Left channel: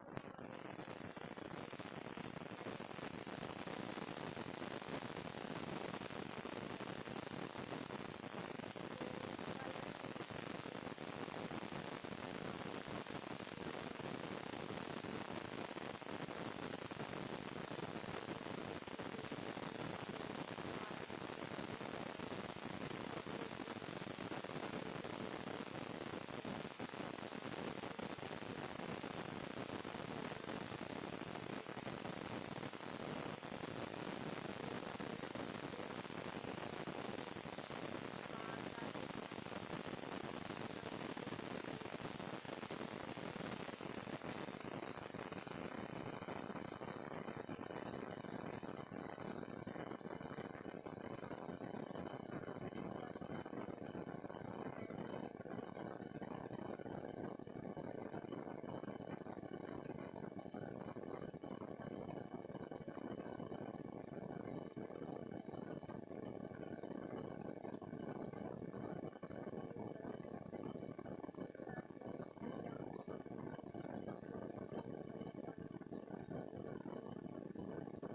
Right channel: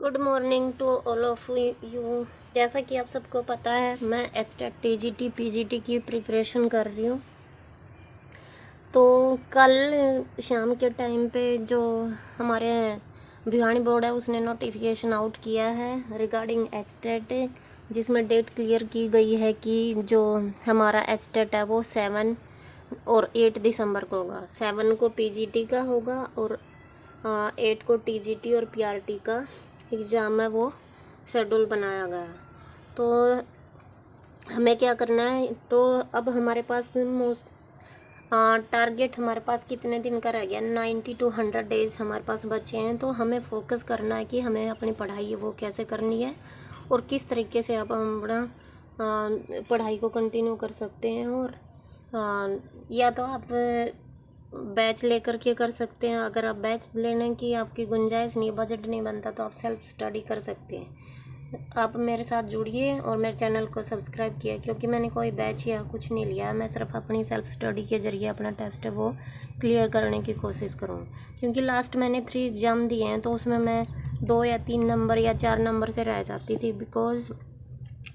Good morning to all of you. जैसा कि आप सबको पता है, मैं एचटेट टीजीटी पीजीटी की प्रिपरेशन कर रही हूँ। तो कल शाम के टाइम पे जो हमारे भिवानी बोर्ड है उसने नोटिफिकेशन आउट किया है रिगार्डिंग एचटेट, जिसमें डेट क्लियर की गई है कि जो हमारा एचटेट है वो 7 और 8 दिसंबर को होगा। 7 को पीजीटी का होगा और 8 को टीजीटी और पीआरटी का एग्ज़ाम है वो शेड्यूल बनाया गया है। तो हमें क्या करना है, तो अब हमारे पास टारगेट हमारे पास कितने दिन का रह गया, 90 to 100 डेज़ हमारे पास बचे हैं। तो हमें फोकस करना है कि हमें अपनी पढ़ाई है वो कैसे करनी है और किस तरीके से आप अपना पढ़ाई को कंटिन्यू कर सकते हैं। और या तो आप बैच लेकर के कर सकते हैं। अगर आप बैच लेने की आपकी गुंजाइश नहीं, बजट नहीं बनता, तो आप सेल्फ स्टडी कर सकते हैं। आप मेरे साथ जुड़िए और मेरे चैनल को सब्सक्राइब किया, क्योंकि मैंने कोई बैच या कुछ नहीं लिया है। मैं सिर्फ अपनी सेल्फ स्टडी के ज़रिए अपना टेस्ट है वो क्लियर करने की कोशिश करूँगी। क्योंकि लास्ट मैंने 3 एग्ज़ाम दिए हैं, तो उसमें मैं 2 या 3 नंबर या 4 नंबर से रह जाती थी, because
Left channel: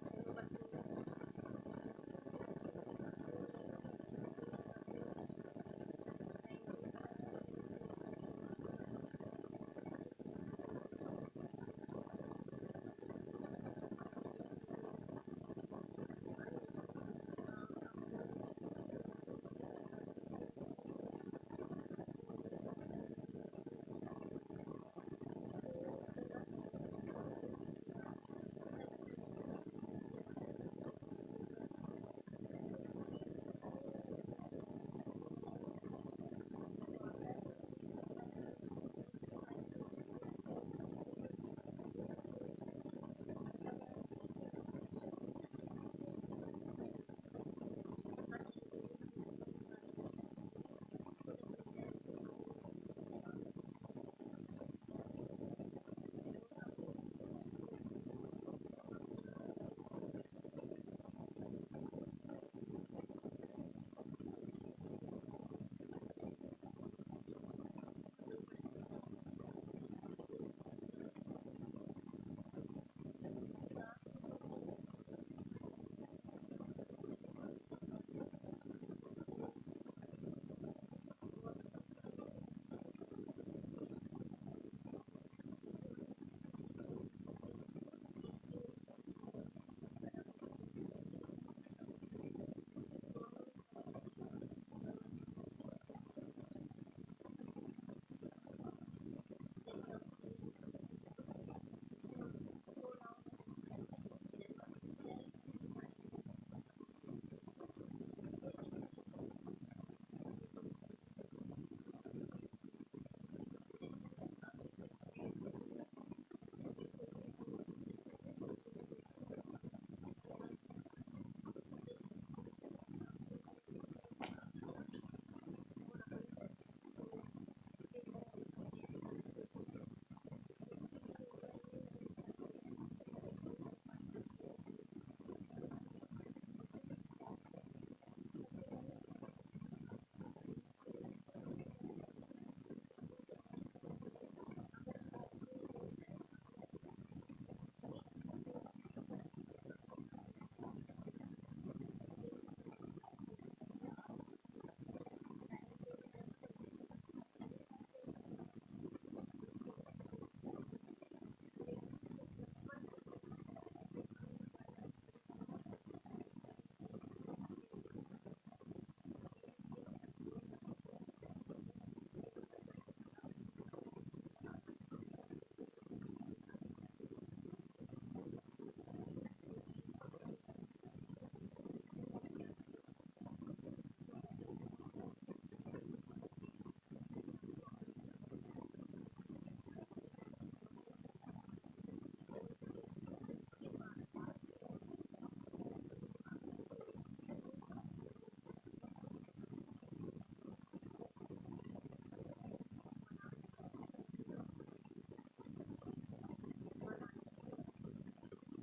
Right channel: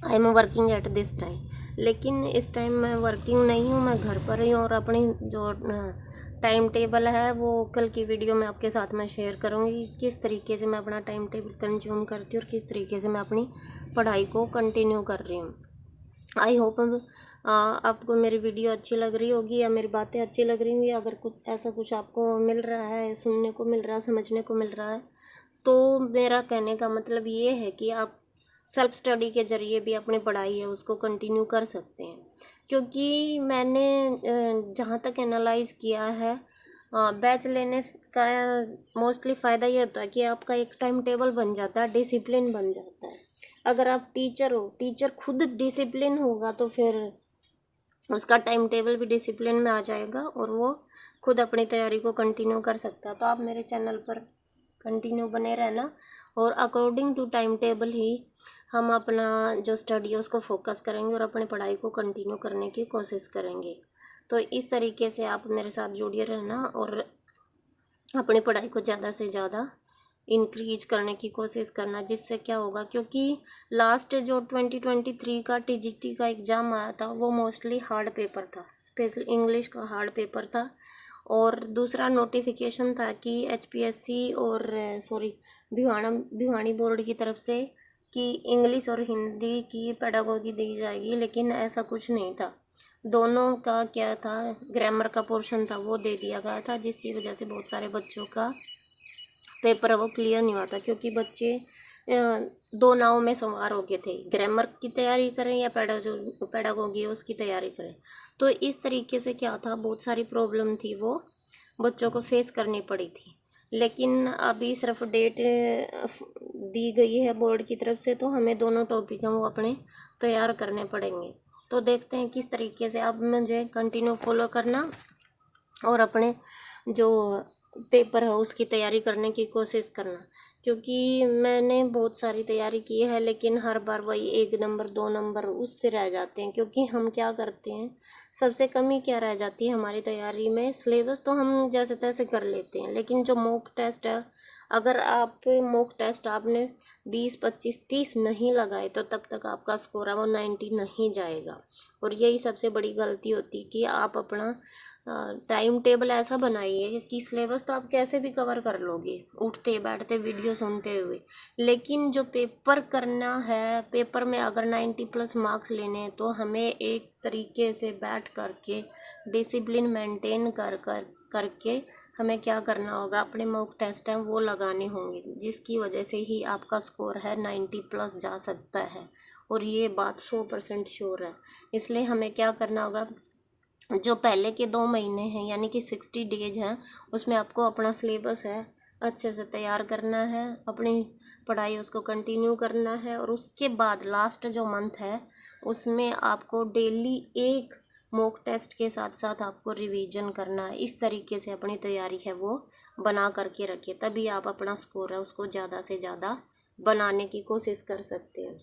I am working at this time. लेकिन इस टाइम मैं वर्किंग नहीं हूँ, मैं घर पर ही हूँ और अपनी जो टाइम टेबल है वो कल की वीडियो में आपके साथ में शेयर करूँगी, किस तरीके से मैं अपना टाइम टेबल कंज्यूम करती हूँ और किस तरीके से मैं अपनी पढ़ाई को कंटिन्यू कर रही हूँ। आई होप आपको मेरी वीडियो अच्छी लग रही होगी या मेरी बातें अच्छी लग रही होंगी। अगर कुछ ऐसा कुछ आपको मिल रहा है, सुनने को मिल रहा है, समझने को मिल रहा है, तो मेरा कहने का मतलब ये है कि आप सेल्फ स्टडी के ज़रिए भी अपनी पढ़ाई है उसको कंटिन्यू कर सकते हैं। क्योंकि मैंने जहाँ तक एनालाइज़ किया है, बैच लेने का मोस्टली फ़ायदा ये होता है कि आपका एक टाइम टेबल बन जाता है, डिसिप्लिन बन जाता है। अगर आप टीचर हो, टीचर खुद डिसिप्लिन होगा तो फिर उसका टाइम टेबल भी डिसिप्लिन में आ जाएगा और वो खुद अपनी तैयारी को कंटिन्यू कर सकता है। तो आप मेरे चैनल पर कंटिन्यू बने रहना और अकॉर्डिंग टू टाइम टेबल ही हम अपना जो स्टडी है उसको फोकस करेंगे और अपनी पढ़ाई को कंटिन्यू करने की कोशिश करेंगे। तो इस तरीके से आप मेरे साथ जुड़े रहना और अपनी पढ़ाई को ज़्यादा से ज़्यादा इंक्रीज करने की कोशिश करना। जिससे क्या होगा, क्योंकि लास्ट जो 2023 का टीजीटी का एग्ज़ाम आया था वो मोस्टली हार्ड पेपर था, स्पेशल इंग्लिश का हार्ड पेपर था। और दूसरा नोटिफिकेशन था कि एचपीएससी और भिवानी बोर्ड की तरफ से कि इंग्लिश और हिंदी की पेडागोगी दी जाएगी, लेकिन ऐसा कुछ नहीं था। दोनों का क्या था, ग्रामर का पोर्शन था वो दे दिया गया था, जिसकी वजह से बहुत सारे बच्चों का पेपर वो क्लियर नहीं हुआ था। क्योंकि बच्चे दो नाव में सवार हो गए थे, ग्रामर की तैयारी करें या पेडागोगी उसकी तैयारी करें। तो इस तरीके से क्या था, बहुत सारी प्रॉब्लम थी वो बच्चों को फेस करनी पड़ी थी। लेकिन अभी सिर्फ डेट दी गई है बोर्ड की तरफ से, तो हमें दोनों टॉपिक हैं वो अपने तैयार करने पड़ेंगे। तो देखते हैं किस तरीके से आप मुझे कंटिन्यू फॉलो करना और अपने जो पेपर है उसकी तैयारी करने की कोशिश करना। क्योंकि मैंने बहुत सारी तैयारी की है, लेकिन हर बार वही 1 नंबर 2 नंबर उससे रह जाते हैं। क्योंकि हम क्या करते हैं, सबसे कमी क्या रह जाती है हमारी तैयारी में, सिलेबस तो हम जैसे तैसे कर लेते हैं, लेकिन जो मॉक टेस्ट है, अगर आप मॉक टेस्ट आपने 20 25 30 नहीं लगाए तो तब तक आपका स्कोर है वो 90 नहीं जाएगा। और यही सबसे बड़ी गलती होती है कि आप अपना टाइम टेबल ऐसा बनाइए कि सिलेबस तो आप कैसे भी कवर कर लोगे उठते बैठते वीडियो सुनते हुए, लेकिन जो पेपर करना है, पेपर में अगर 90+ मार्क्स लेने हैं तो हमें एक तरीके से बैठ करके डिसिप्लिन मेंटेन करके हमें क्या करना होगा, अपने मॉक टेस्ट हैं वो लगाने होंगे, जिसकी वजह से ही आपका स्कोर है 90+ जा सकता है। और ये बात 100% श्योर है। इसलिए हमें क्या करना होगा, जो पहले के 2 महीने हैं यानी कि 60 डेज हैं, उसमें आपको अपना सिलेबस है अच्छे से तैयार करना है, अपनी पढ़ाई उसको कंटिन्यू करना है। और उसके बाद लास्ट जो मंथ है उसमें आपको डेली एक मॉक टेस्ट के साथ साथ आपको रिवीजन करना है। इस तरीके से अपनी तैयारी है वो बना करके रखिए, तभी आप अपना स्कोर है उसको ज़्यादा से ज़्यादा बनाने की कोशिश कर सकते हैं।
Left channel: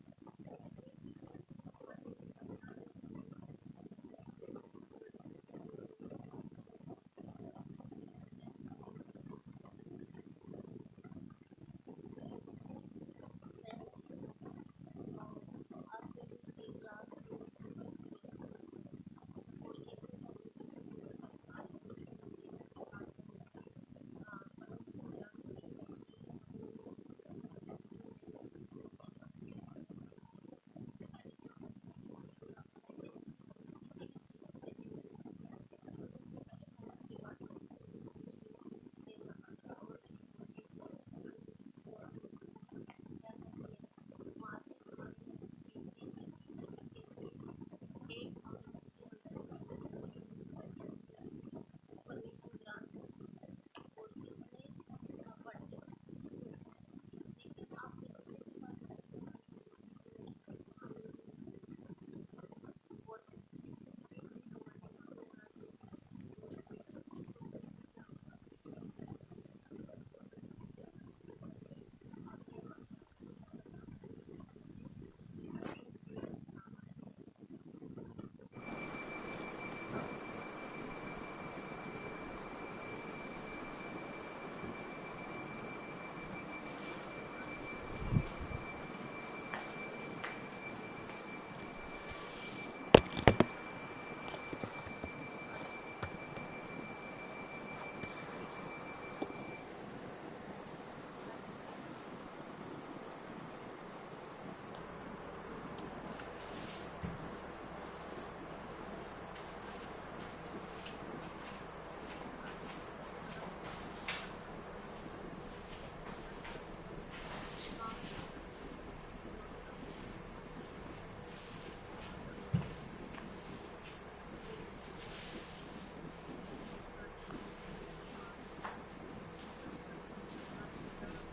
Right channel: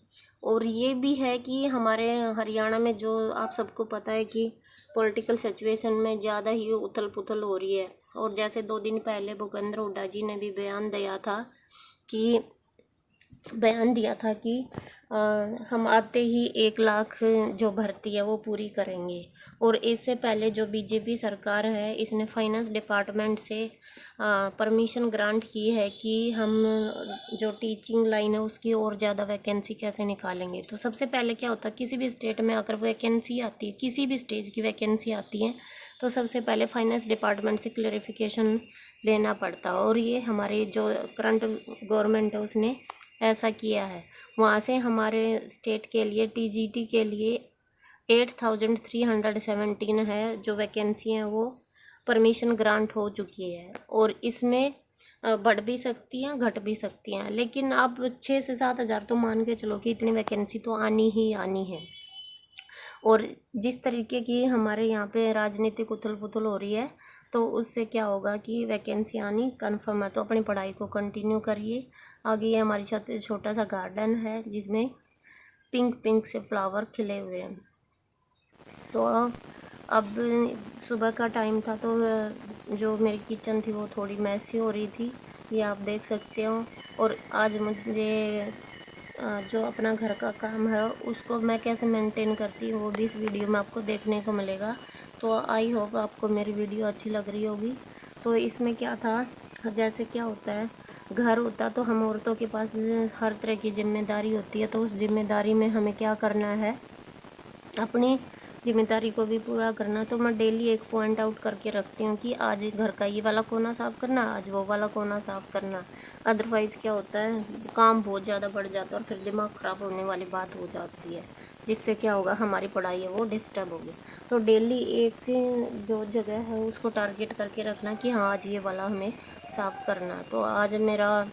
और ये भी है कि हमारे हरियाणा में जो आप सबको पता है कि पॉलिटिकल सिचुएशन में ज़्यादा ही उथल पुथल हो रही है। और जैसे 2 दिन पहले भूपेंद्र हुड्डा जी ने भी बयान दिया था कि बयान दिया था कि हम आते ही 1 लाख जो भर्ती है वो पूरी करेंगे। और इससे पहले जो बीजेपी सरकार है इसने फाइनेंस डिपार्टमेंट से परमिशन ग्रांट की है कि हम जो टीचिंग लाइन है उसकी और ज़्यादा वैकेंसी कैसे निकालेंगे। तो सबसे पहले क्या होता है, किसी भी स्टेट में अगर वैकेंसी आती है, किसी भी स्टेज की वैकेंसी आती है, तो सबसे पहले फाइनेंस डिपार्टमेंट से क्लेरिफिकेशन लेना पड़ता है। और ये हमारे जो करंट गवर्नमेंट है उसने ऐसा किया है। वहाँ से हमारे स्टेट के लिए टीजीटी के लिए 8317 है जो वैकेंसी हैं वो परमिशन ग्रांट हो चुकी है। और इसमें बढ़ भी सकती हैं घट भी सकती हैं, लेकिन आप 6 से 7 हज़ार तो मान के चलो कि इतनी वैकेंसी तो आनी ही आनी है। और जिस तरीके की हमारे यहाँ पे राजनीतिक उथल पुथल हो रही है, तो उससे क्या होगा कि वैकेंसी आनी कन्फर्म है। तो अपनी पढ़ाई को कंटिन्यू करिए। आगे ये हमारी छत पे छोटा सा गार्डन है जिसमें पिंक पिंक से फ्लावर खिले हुए हैं। सो अब सुबह का टाइम था, तो जो मेरी किचन थी वो थोड़ी मैसी हो रही थी, ये आप देख सकते हो। और आज मुझे जो अपना घर का काम है उसको मैं कैसे मेंटेन करती हूँ वो भी इस वीडियो में आपको देखने को मिलेगा। तो आई होप आपको मेरी वीडियो अच्छी लग रही होगी। तो इसमें क्या था, जैसे क्या होता है, घर होता तो हम औरतों के पास हर तरह की जिम्मेदारी होती है। तो उस जिम्मेदारी में हमें क्या करना है, अपनी जिम्मेदारी को भी पूरा करना। तो मैं डेली एक पॉइंट आउट करके रखती हूँ कि आज घर का ये वाला कोना साफ़ करना, आज वो वाला कोना साफ़ करना। अदरवाइज़ क्या होता है, काम बहुत ज़्यादा बढ़ जाता है और फिर दिमाग ख़राब होने वाली बात हो जाती है, जिससे क्या होगा, हमारी पढ़ाई है वो डिस्टर्ब होगी। तो डेली एक जो जगह है उसको टारगेट करके रखना कि हाँ आज ये वाला हमें साफ़ करना। तो आज मेरा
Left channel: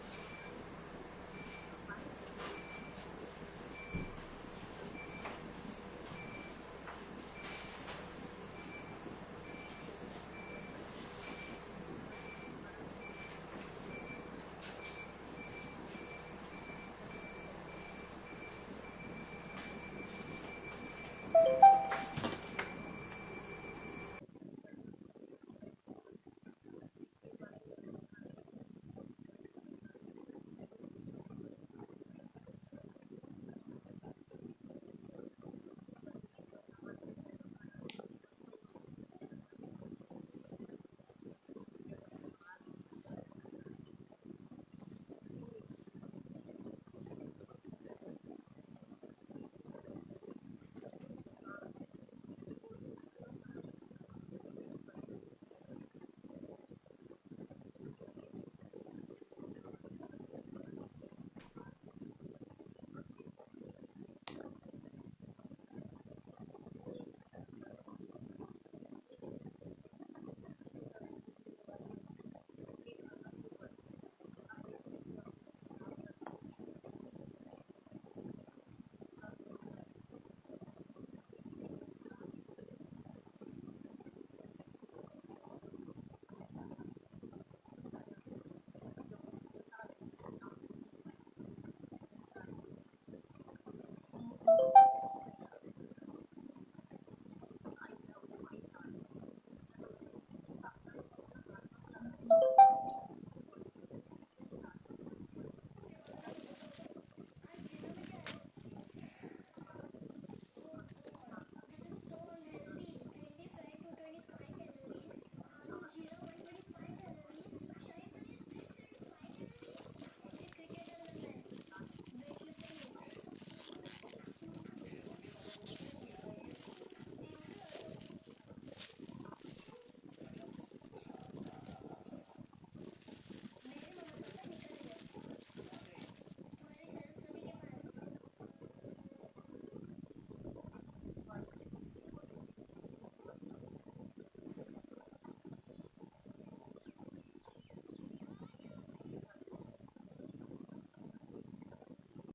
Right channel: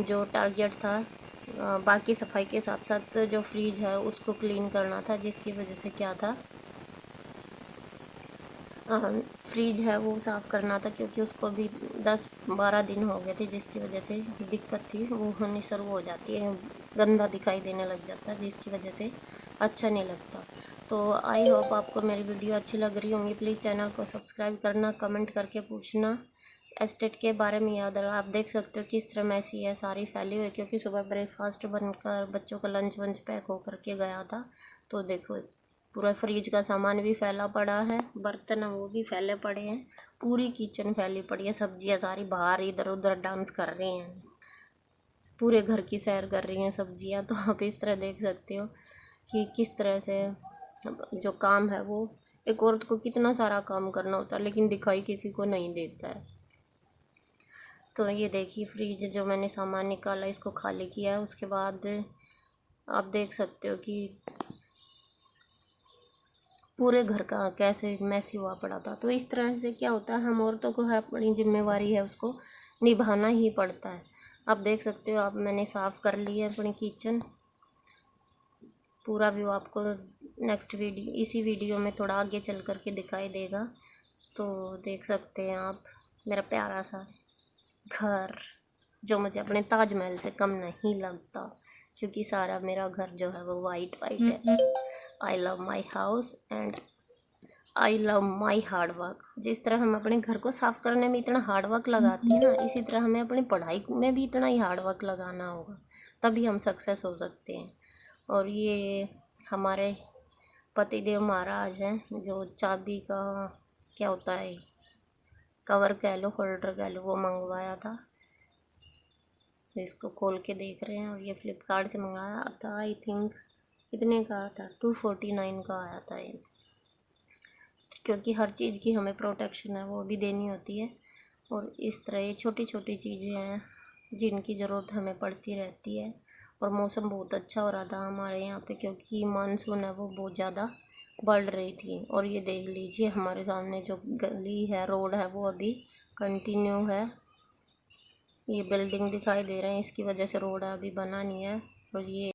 जो टारगेट था, बाकी सफाई के साथ साथ जो फ्रिज है उसको क्लीन करना था, जिसकी वजह से क्या था, फ्रिज है वो साफ़ करना था, क्योंकि उसको भी 10-12 दिन हो गए थे, जिसकी वजह से दिक्कत थी, वो होनी शुरू हो जाती है, गंदा दिखाई देने लग जाता है, जिसकी वजह से अच्छा नहीं लगता। तो आई होप आपको मेरी वीडियो अच्छी लग रही होंगी। प्लीज़ चैनल को सब्सक्राइब करना, कमेंट करके पूछना एस्टेट के बारे में याद रहा। आप देख सकते हो किस तरह मैसी है, सारी फैली हुई, क्योंकि सुबह ब्रेकफास्ट बनकर बच्चों का लंच वंच पैक होकर के गया था। तो देखो पूरा फ्रिज का सामान भी फैला पड़ा है, बर्तन है वो भी फैले पड़े हैं, पूरी किचन फैली पड़ी है, सब्जियां सारी बाहर इधर उधर डांस कर रही हैं, पूरे घर की सैर कर रही हैं सब्जियां। तो आप इस तरह देख सकते हो कि किस तरह से जो काम है वो, एक औरत को कितना सारा काम करना होता है, लेकिन दिखाई किसी को नहीं देता है। तो ये देखिए फ्रिज जो मैंने सामान निकाला इसको खाली किया है। उसके बाद आप देख सकते हो कि पूरे घर का कैसे मैसी हुआ पड़ा था। तो इस तरह से क्या होता है, हम औरतों को है अपनी जिम्मेवारी है उसको निभाना ही पड़ता है। आप देख सकते हो, आप मैंने साफ़ कर ली है अपनी किचन। पूरा व्यू आपको नेक्स्ट वीडियो, इसी वीडियो में थोड़ा आगे चल कर के दिखाई देगा। तो देख सकते हैं आप मेरा प्यारा सा घर, जो मुझे अपने ताजमहल से कम नहीं लगता, क्योंकि सारा मेरा घर जो है वो वाइट वाइट है। I love my house and I love my hard work. जिस तरह हम अपने घर को साफ़ करने में इतना हार्ड वर्क लगाते हैं ना, इसी तरह हमें अपनी पढ़ाई में भी इतना ही हार्ड वर्क लगाना होगा, तभी हम सक्सेस हो सकते हैं। और ये हमारे पतिदेव महाराज हैं, जो चाबी का क्या होता है, कवर कह लो, होल्डर कह लो, वो मंगवाया था। इसको खोल के देख रहे हैं। और ये फ्लिपकार्ट से मंगाया था, आई थिंक कितने का था, 249 का आया था ये, क्योंकि हर चीज़ की हमें प्रोटेक्शन है वो भी देनी होती है। और इस तरह ये छोटी छोटी चीज़ें हैं जिनकी ज़रूरत हमें पड़ती रहती है। और मौसम बहुत अच्छा हो रहा था हमारे यहाँ पे, क्योंकि मानसून है वो बहुत ज़्यादा बढ़ रही थी। और ये देख लीजिए हमारे सामने जो गली है, रोड है, वो अभी कंटिन्यू है। ये बिल्डिंग दिखाई दे रहे हैं, इसकी वजह से रोड अभी बना नहीं है। और ये